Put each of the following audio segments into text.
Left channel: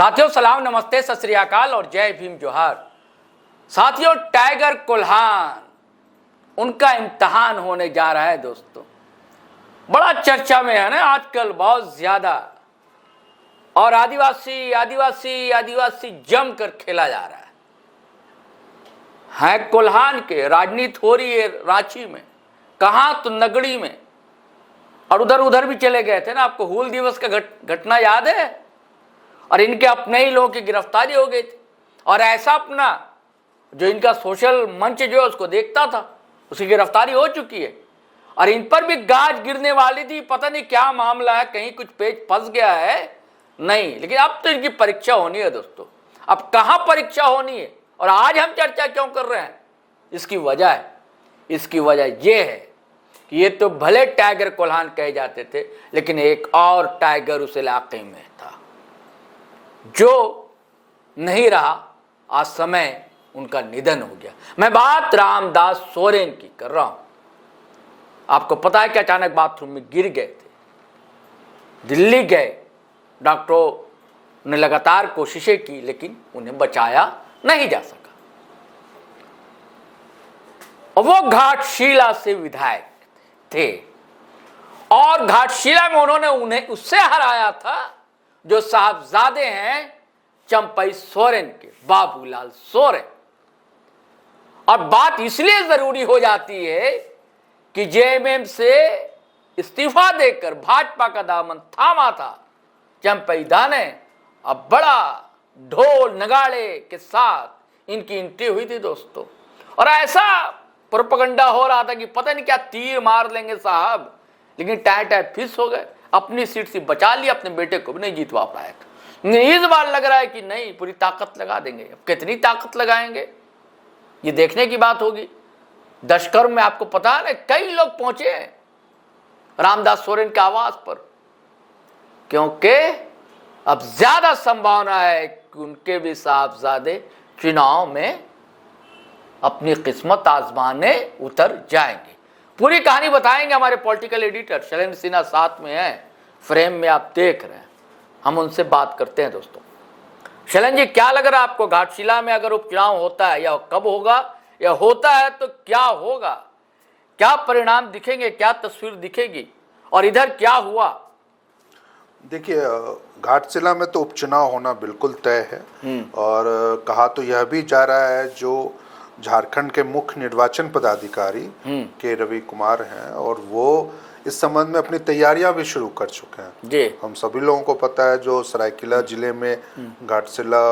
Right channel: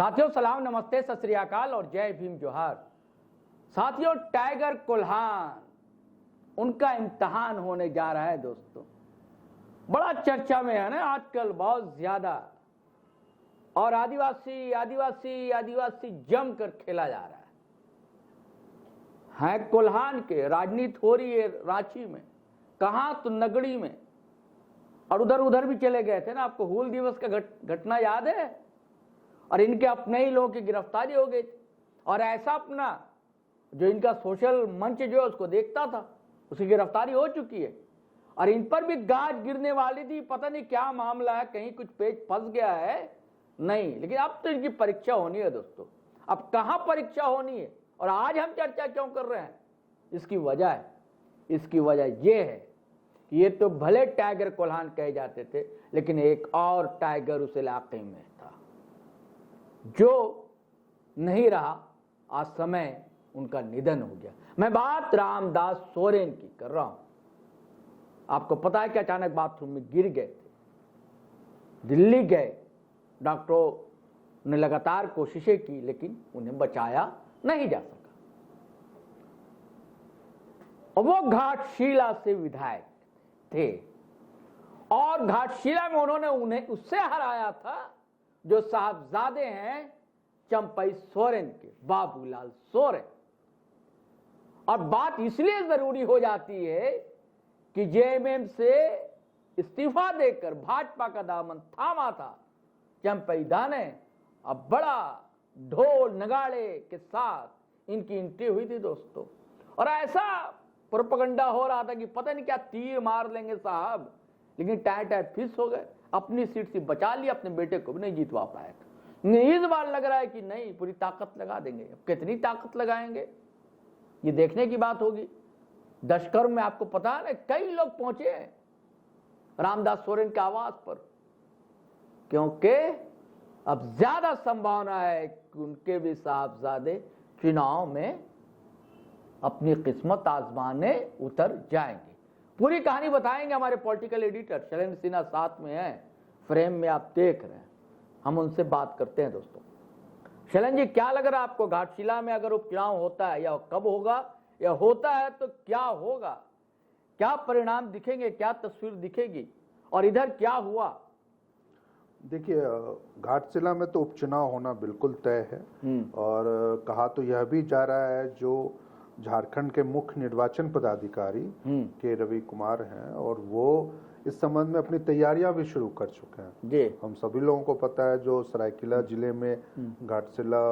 साथियों सलाम, नमस्ते, सत श्री अकाल और जय भीम जोहार। साथियों, टाइगर कोल्हान उनका इम्तहान होने जा रहा है दोस्तों। बड़ा चर्चा में है ना आजकल, बहुत ज्यादा, और आदिवासी आदिवासी आदिवासी जम कर खेला जा रहा है कोल्हान के। राजनीति हो रही है रांची में, कहां तो नगड़ी में, और उधर उधर भी चले गए थे ना। आपको हूल दिवस का घटना याद है? और इनके अपने ही लोगों की गिरफ्तारी हो गई थी। और ऐसा अपना जो इनका सोशल मंच जो है उसको देखता था, उसकी गिरफ्तारी हो चुकी है। और इन पर भी गाज गिरने वाली थी, पता नहीं क्या मामला है, कहीं कुछ पेच फंस गया है नहीं। लेकिन अब तो इनकी परीक्षा होनी है दोस्तों। अब कहां परीक्षा होनी है और आज हम चर्चा क्यों कर रहे हैं, इसकी वजह यह है कि ये तो भले टाइगर कोल्हान कहे जाते थे, लेकिन एक और टाइगर उस इलाके में था जो नहीं रहा। आज समय उनका निधन हो गया। मैं बात रामदास सोरेन की कर रहा हूं। आपको पता है कि अचानक बाथरूम में गिर गए थे, दिल्ली गए, डॉक्टरों ने लगातार कोशिशें की लेकिन उन्हें बचाया नहीं जा सका। और वो घाटशिला से विधायक थे और घाटशिला में उन्होंने उन्हें उससे हराया था जो साहबजादे हैं चंपई सोरेन के, बाबूलाल सोरेन। और बात इसलिए जरूरी हो जाती है कि जेएमएम से इस्तीफा देकर भाजपा का दामन थामा था चंपई दा ने। अब बड़ा ढोल नगाड़े के साथ इनकी एंट्री हुई थी दोस्तों। और ऐसा प्रोपेगेंडा हो रहा था कि पता नहीं क्या तीर मार लेंगे साहब, लेकिन टाइम फिस हो गए। अपनी सीट से बचा लिया, अपने बेटे को भी नहीं जीतवा पाए। इस बार लग रहा है कि नहीं, पूरी ताकत लगा देंगे। अब कितनी ताकत लगाएंगे ये देखने की बात होगी। दशकर्म में आपको पता है ना, कई लोग पहुंचे रामदास सोरेन के आवास पर, क्योंकि अब ज्यादा संभावना है कि उनके भी साहबजादे चुनाव में अपनी किस्मत आजमाने उतर जाएंगे। पूरी कहानी बताएंगे हमारे पॉलिटिकल एडिटर शैलेंद्र सिन्हा साथ में है, फ्रेम में आप देख रहे हैं। हम उनसे बात करते हैं दोस्तों। शैलेंद्र जी, क्या लग रहा है आपको, घाटशिला में अगर उपचुनाव होता है या कब होगा, या होता है तो क्या होगा, क्या परिणाम दिखेंगे, क्या तस्वीर दिखेगी, और इधर क्या हुआ? देखिए, घाटशिला में तो उपचुनाव होना बिल्कुल तय है। और कहा तो यह भी जा रहा है, जो झारखंड के मुख्य निर्वाचन पदाधिकारी के रवि कुमार हैं, और वो इस संबंध में अपनी तैयारियां भी शुरू कर चुके हैं जी। हम सभी लोगों को पता है, जो सरायकेला जिले में घाटशिला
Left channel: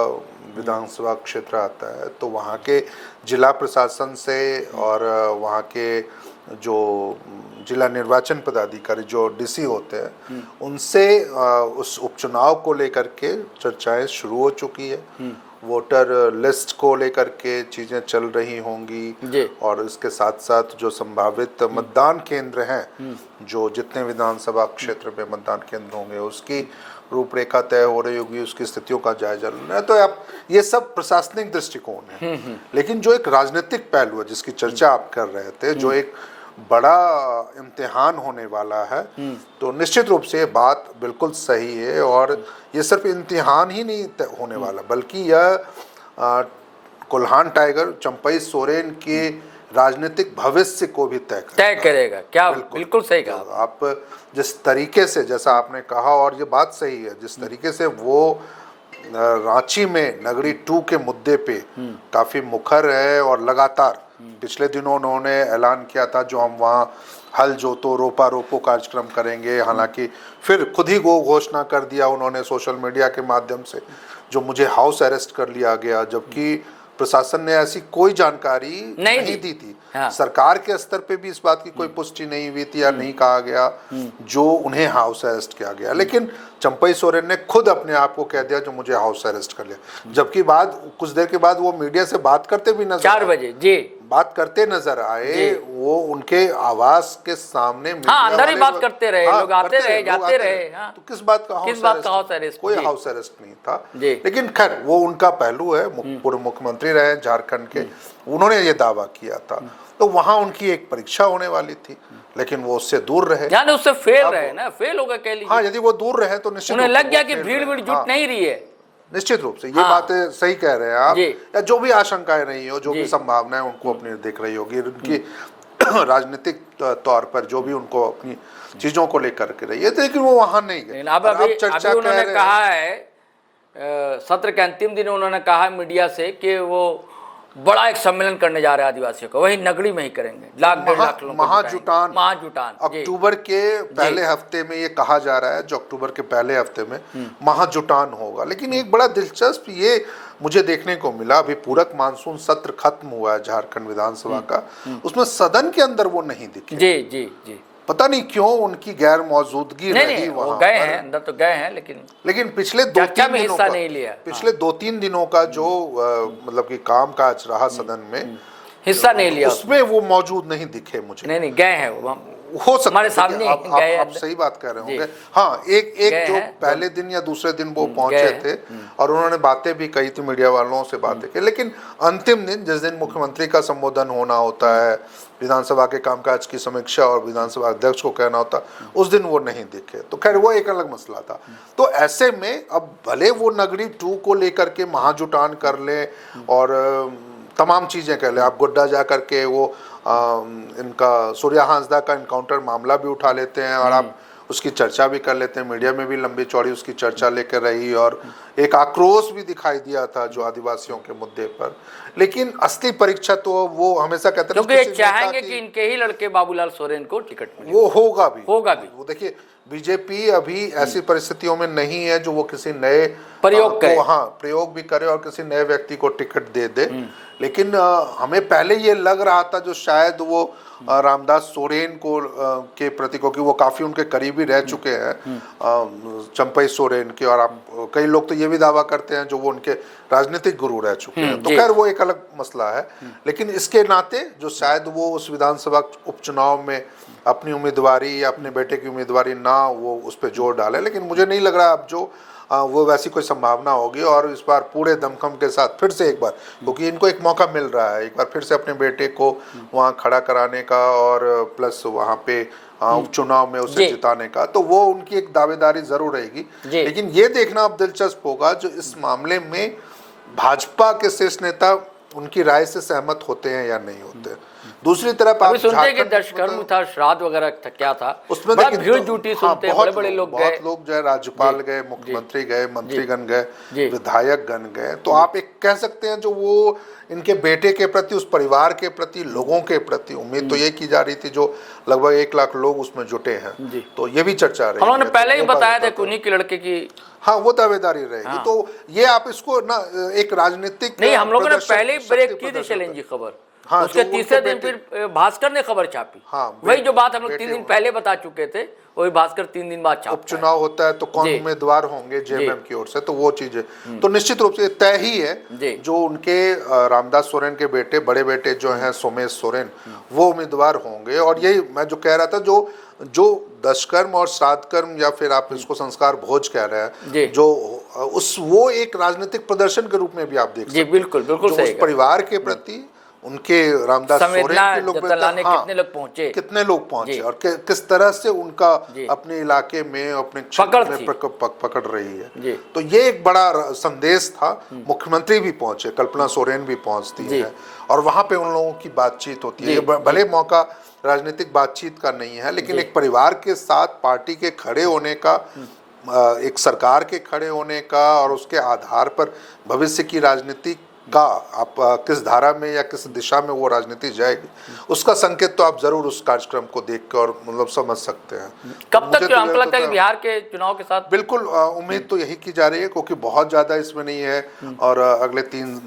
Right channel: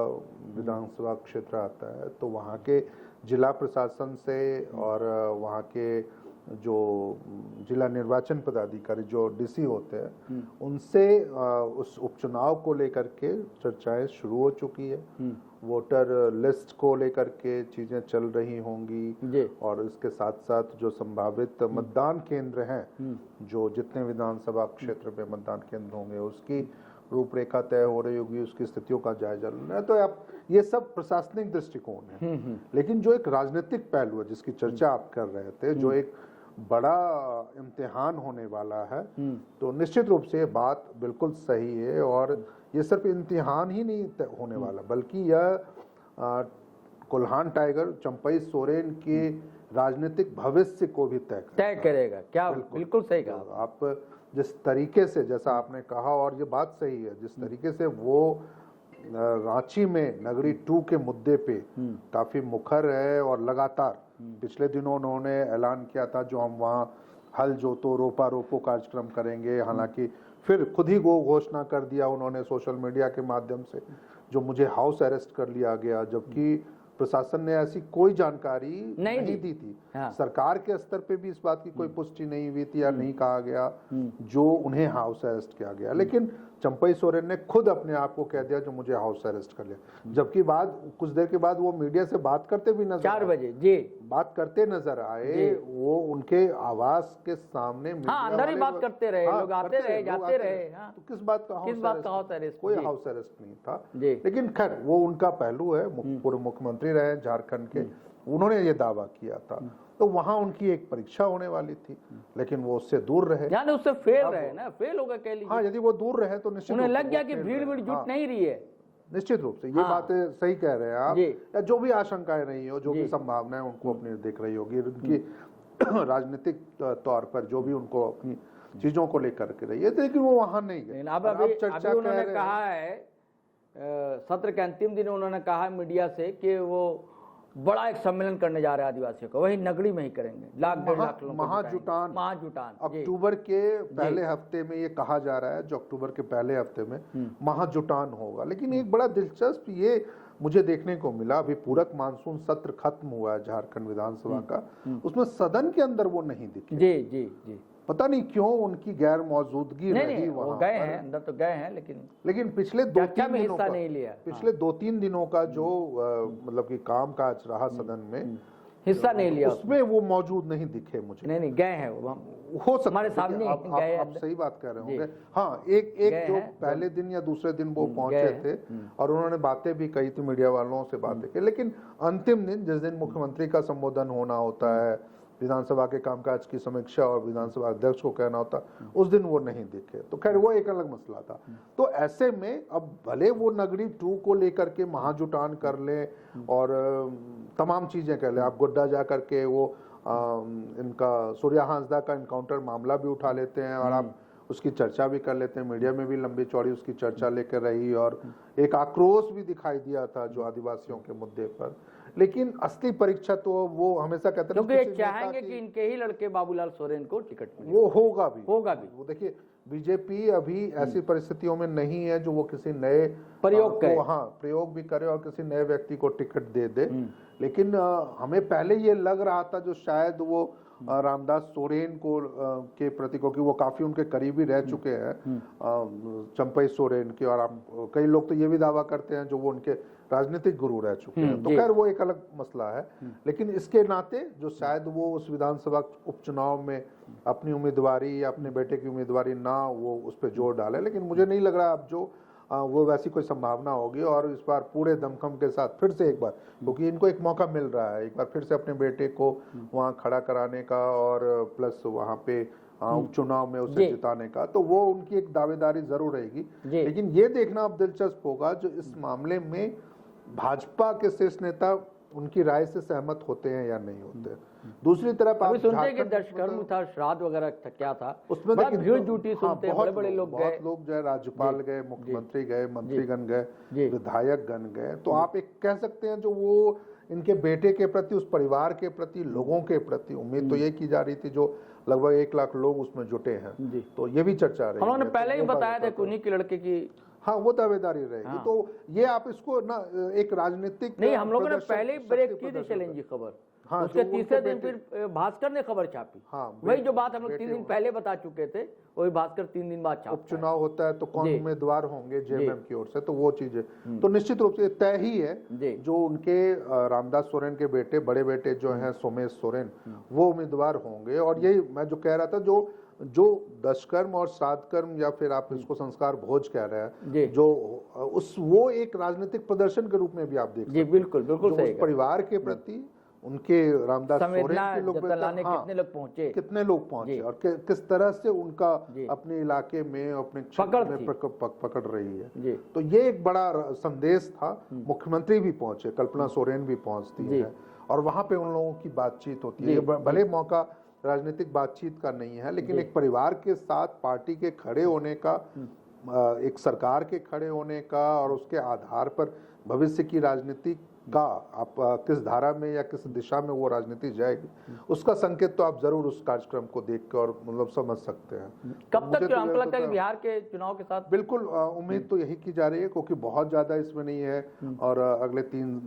विधानसभा क्षेत्र आता है, तो वहाँ के जिला प्रशासन से और वहाँ के जो जिला निर्वाचन पदाधिकारी जो डीसी होते हैं, उनसे उस उपचुनाव को लेकर के चर्चाएं शुरू हो चुकी है। वोटर लिस्ट को लेकर के चीजें चल रही होंगी, और इसके साथ साथ जो संभावित मतदान केंद्र हैं, जो जितने विधानसभा क्षेत्र में मतदान केंद्र होंगे, उसकी रूपरेखा तय हो रही होगी, उसकी स्थितियों का जायजा लेना है। तो आप ये सब प्रशासनिक दृष्टिकोण है। लेकिन जो एक राजनीतिक पहलू है जिसकी चर्चा आप कर रहे थे, जो एक बड़ा इम्तिहान होने वाला है, तो निश्चित रूप से बात बिल्कुल सही है। और ये सिर्फ इम्तिहान ही नहीं होने वाला, बल्कि यह कोल्हान टाइगर चंपई सोरेन के राजनीतिक भविष्य को भी तय करेगा। क्या बिल्कुल सही कहा आप। जिस तरीके से, जैसा आपने कहा, और ये बात सही है, जिस तरीके से वो रांची में नगरी 2 के मुद्दे पे काफी मुखर है, और लगातार पिछले दिनों उन्होंने ऐलान किया था जो हम वहाँ हल जोतो रोपा रोपो कार्यक्रम करेंगे। हालांकि फिर खुद ही वो घोषणा कर दिया उन्होंने सोशल मीडिया के माध्यम से, जो मुझे हाउस अरेस्ट कर लिया गया, जबकि प्रशासन ने ऐसी कोई जानकारी नहीं दी थी। हाँ। सरकार के स्तर पे भी इस बात की कोई पुष्टि नहीं हुई थी, या नहीं कहा गया जो उन्हें हाउस अरेस्ट किया गया। लेकिन चंपई सोरेन ने खुद अपने आप को कह दिया जो मुझे हाउस अरेस्ट कर लिया, जबकि कुछ देर के बाद वो मीडिया से बात करते भी नजर 4 बजे जी बात करते नजर आए। वो उनके आवास के सामने अंदर ही बात करते रहे, लोग आते रहे जाते रहे। तो किस बात का हाउस अरेस्ट? कोई हाउस अरेस्ट नहीं था। लेकिन खैर, वो उनका पहलू है, पूर्व मुख्यमंत्री रहे झारखंड के, उन्होंने ये दावा किया था। तो वहां उनकी एक परीक्षा होने वाली थी, लेकिन वो उससे दूर रहे, यानी उससे फेल रहे ना, फेल होगा कह लीजिए। हाँ, यदि वो दूर रहे तो निश्चित उन्हें लग गया कि भीड़ जुट नहीं रही है। निश्चित रूप से ये हाँ। बातें सही कह रहे हैं आप, जी। या जो भी आशंकाएं रही हो, जो जी। भी संभावनाएं उनको अपनी दिख रही होगी, उनकी राजनीतिक तौर पर जो भी उनको अपनी चीजों को लेकर के रही है, लेकिन वो वहां नहीं गए। लेकिन अब और अभी चर्चा अभी कह उन्होंने रहे कहा है सत्र के अंतिम दिन उन्होंने कहा मीडिया से कि वो बड़ा एक सम्मेलन करने जा रहे हैं आदिवासियों का, वही नगड़ी में ही करेंगे, लाख डेढ़ लाख लोगों को महाजुटान महाजुटान जी। अक्टूबर के पहले हफ्ते में ये कहा जा रहा है, जो अक्टूबर के पहले हफ्ते में महाजुटान होगा। लेकिन एक बड़ा दिलचस्प ये मुझे देखने को मिला, अभी पूरक मानसून सत्र खत्म हुआ है झारखंड विधानसभा का, उसमें सदन के अंदर वो नहीं दिखे। जी जी जी। पता नहीं क्यों उनकी गैर मौजूदगी नहीं रही नहीं, वो वहां गए पर। हैं अंदर तो गए हैं, लेकिन पिछले चर्चा में हिस्सा नहीं लिया। पिछले 2-3 दिनों का जो मतलब कि काम काज रहा सदन में, हिस्सा नहीं लिया उसमें वो मौजूद नहीं दिखे मुझे। नहीं नहीं, गए हैं वो, हो सकता हमारे है, सामने देखिए, गए आप अंदर। सही बात कह रहे जी। होंगे। हाँ, एक गए जो हैं, पहले दिन या दूसरे दिन वो पहुंचे गए थे और उन्होंने बातें भी कही थी, मीडिया वालों से बातें की, लेकिन अंतिम दिन जिस दिन मुख्यमंत्री का संबोधन होना होता है, विधानसभा के कामकाज की समीक्षा और विधानसभा अध्यक्ष को कहना होता, उस दिन वो नहीं दिखे। तो खैर वो एक अलग मसला था। तो ऐसे में अब भले वो नगरी 2 को लेकर के महाजुटान कर ले और तमाम चीजें कर ले, आप गोड्डा जा करके वो इनका सूर्या हांसदा का इनकाउंटर मामला भी उठा लेते हैं और आप उसकी चर्चा भी कर लेते हैं, मीडिया में भी लंबी चौड़ी उसकी चर्चा लेकर रही और एक आक्रोश भी दिखाई दिया था जो आदिवासियों के मुद्दे पर। लेकिन असली परीक्षा तो वो हमेशा कहते हैं, क्योंकि ये चाहेंगे कि इनके ही लड़के बाबूलाल सोरेन को टिकट मिले। वो होगा भी। वो देखिए, बीजेपी अभी ऐसी परिस्थितियों में नहीं है जो वो किसी नए प्रयोग करे। हाँ, प्रयोग भी करे और किसी नए व्यक्ति को टिकट दे दे। लेकिन हमें पहले ये लग रहा था जो शायद वो रामदास सोरेन को के प्रति, क्योंकि वो काफी उनके करीबी रह चुके हैं चंपई सोरेन के, और आप कई लोग तो ये भी दावा करते हैं जो वो उनके राजनीतिक गुरु रह चुके हैं। तो खैर वो एक अलग मसला है। लेकिन इसके नाते जो शायद वो उस विधानसभा उपचुनाव में अपनी उम्मीदवारी या अपने बेटे की उम्मीदवारी ना वो उस पर जोर डाले, लेकिन मुझे नहीं लग रहा अब जो वो वैसी कोई संभावना होगी। और इस बार पूरे दमखम के साथ फिर से एक बार, क्योंकि इनको एक मौका मिल रहा है एक बार फिर से अपने बेटे को वहाँ खड़ा कराने का और प्लस वहाँ पे उपचुनाव में उसे जिताने का, तो वो उनकी एक दावेदारी जरूर रहेगी। लेकिन ये देखना अब दिलचस्प होगा जो इस मामले में भाजपा के शीर्ष नेता उनकी राय से सहमत होते हैं या नहीं होते। दूसरी तरफ आप सुनते हैं कि दशकर्म था, श्राद्ध वगैरह था, क्या था उसमें, बड़ा भीड़ जुटी, सुनते हैं बड़े बड़े लोग गए, बहुत लोग जो है राज्यपाल गए, मुख्यमंत्री गए, मंत्रीगण गए, विधायकगण गए। तो आप एक कह सकते हैं जो वो इनके बेटे के प्रति, उस परिवार के प्रति, लोगों के प्रति उम्मीद तो ये की जा रही थी जो लगभग 1 लाख लोग उसमें जुटे हैं। तो ये भी चर्चा रही, उन्होंने पहले ही बताया था कि उन्हीं के लड़के की, हाँ, वो दावेदारी रहेगी। तो ये आप इसको ना एक राजनीतिक नहीं, हम लोगों ने पहले ही ब्रेक की थी चैलेंज की खबर। हाँ, उसके तीसरे दिन फिर भास्कर ने खबर छापी। हाँ, वही जो बात हम लोग 3 दिन पहले बता चुके थे, वही भास्कर 3 दिन बाद छापा। उपचुनाव होता है तो कौन उम्मीदवार होंगे जेएमएम की ओर से, तो वो चीजें तो निश्चित रूप से तय ही है। जो उनके रामदास सोरेन के बेटे, बड़े बेटे जो हैं सोमेश सोरेन, वो उम्मीदवार होंगे। और यही मैं जो कह रहा था, जो दशकर्म और श्राद्धकर्म या फिर आप इसको संस्कार भोज कह रहे हैं, जो वो एक राजनीतिक प्रदर्शन के रूप में भी आप देख सकते हैं। बिल्कुल बिल्कुल सही। उस परिवार के प्रति उनके रामदास सोरेन के लोग कितने लोग पहुंचे और किस तरह से उनका अपने इलाके में, अपने क्षेत्र में पकड़ रही है। तो ये एक बड़ा संदेश था। मुख्यमंत्री भी पहुंचे, कल्पना सोरेन भी पहुंचती है और वहां पे उन लोगों की बातचीत होती है। भले मौका राजनीतिक बातचीत का नहीं है, लेकिन एक परिवार के साथ पार्टी के खड़े होने का, एक सरकार के खड़े होने का और उसके आधार पर भविष्य की राजनीति का आप किस धारा में या किस दिशा में वो राजनीति जाएगी, उसका संकेत तो आप जरूर उस कार्यक्रम को देख कर और मतलब समझ सकते हैं। कब तक हमको लगता है कि बिहार के चुनाव के साथ बिल्कुल उम्मीद तो यही की जा रही है, क्योंकि बहुत ज्यादा इसमें नहीं है और अगले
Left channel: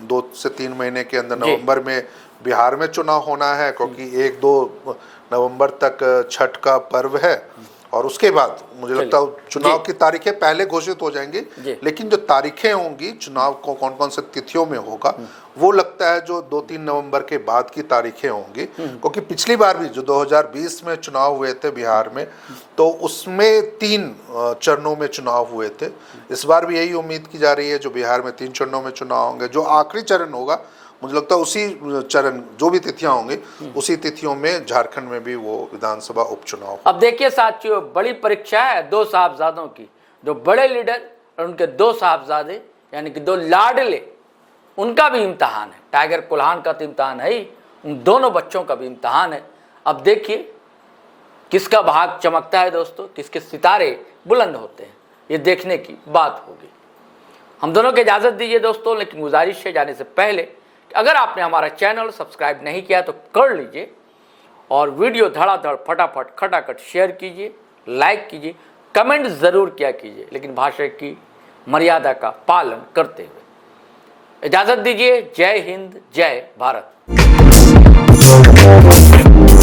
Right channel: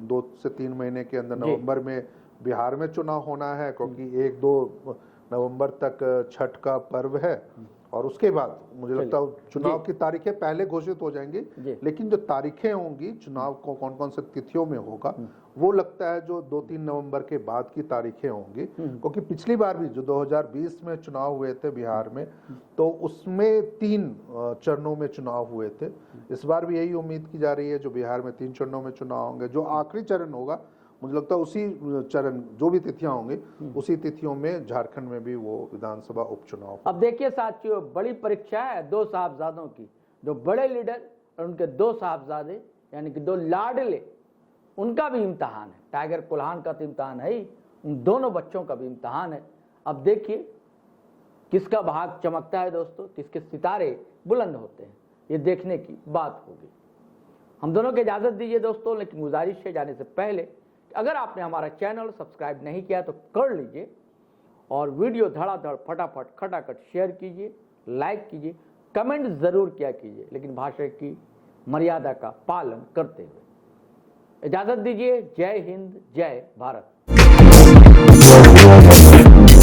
2 से 3 महीने के अंदर नवंबर में बिहार में चुनाव होना है, क्योंकि 1-2 नवंबर तक छठ का पर्व है और उसके बाद मुझे लगता है चुनाव की तारीखें पहले घोषित हो जाएंगी। लेकिन जो तारीखें होंगी चुनाव को कौन कौन से तिथियों में होगा, वो लगता है जो 2-3 नवंबर के बाद की तारीखें होंगी। क्योंकि पिछली बार भी जो 2020 में चुनाव हुए थे बिहार में, तो उसमें 3 चरणों में चुनाव हुए थे। इस बार भी यही उम्मीद की जा रही है जो बिहार में 3 चरणों में चुनाव होंगे। जो आखिरी चरण होगा मुझे लगता है उसी चरण, जो भी तिथियां होंगी उसी तिथियों में झारखंड में भी वो विधानसभा उपचुनाव। अब देखिए साथियों, बड़ी परीक्षा है 2 साहबजादों की। जो बड़े लीडर और उनके 2 साहबजादे यानी कि दो लाडले, उनका भी इम्तहान है। टाइगर कुल्हान का तो इम्तहान है ही, उन दोनों बच्चों का भी इम्तहान है। अब देखिए किसका भाग चमकता है दोस्तों, किसके सितारे बुलंद होते हैं, ये देखने की बात होगी। हम दोनों को इजाज़त दीजिए दोस्तों, लेकिन गुजारिश है जाने से पहले कि अगर आपने हमारा चैनल सब्सक्राइब नहीं किया तो कर लीजिए और वीडियो धड़ाधड़ फटाफट खटाखट शेयर कीजिए, लाइक कीजिए, कमेंट ज़रूर किया कीजिए, लेकिन भाषा की मर्यादा का पालन करते हुए। इजाज़त दीजिए। जय हिंद, जय भारत।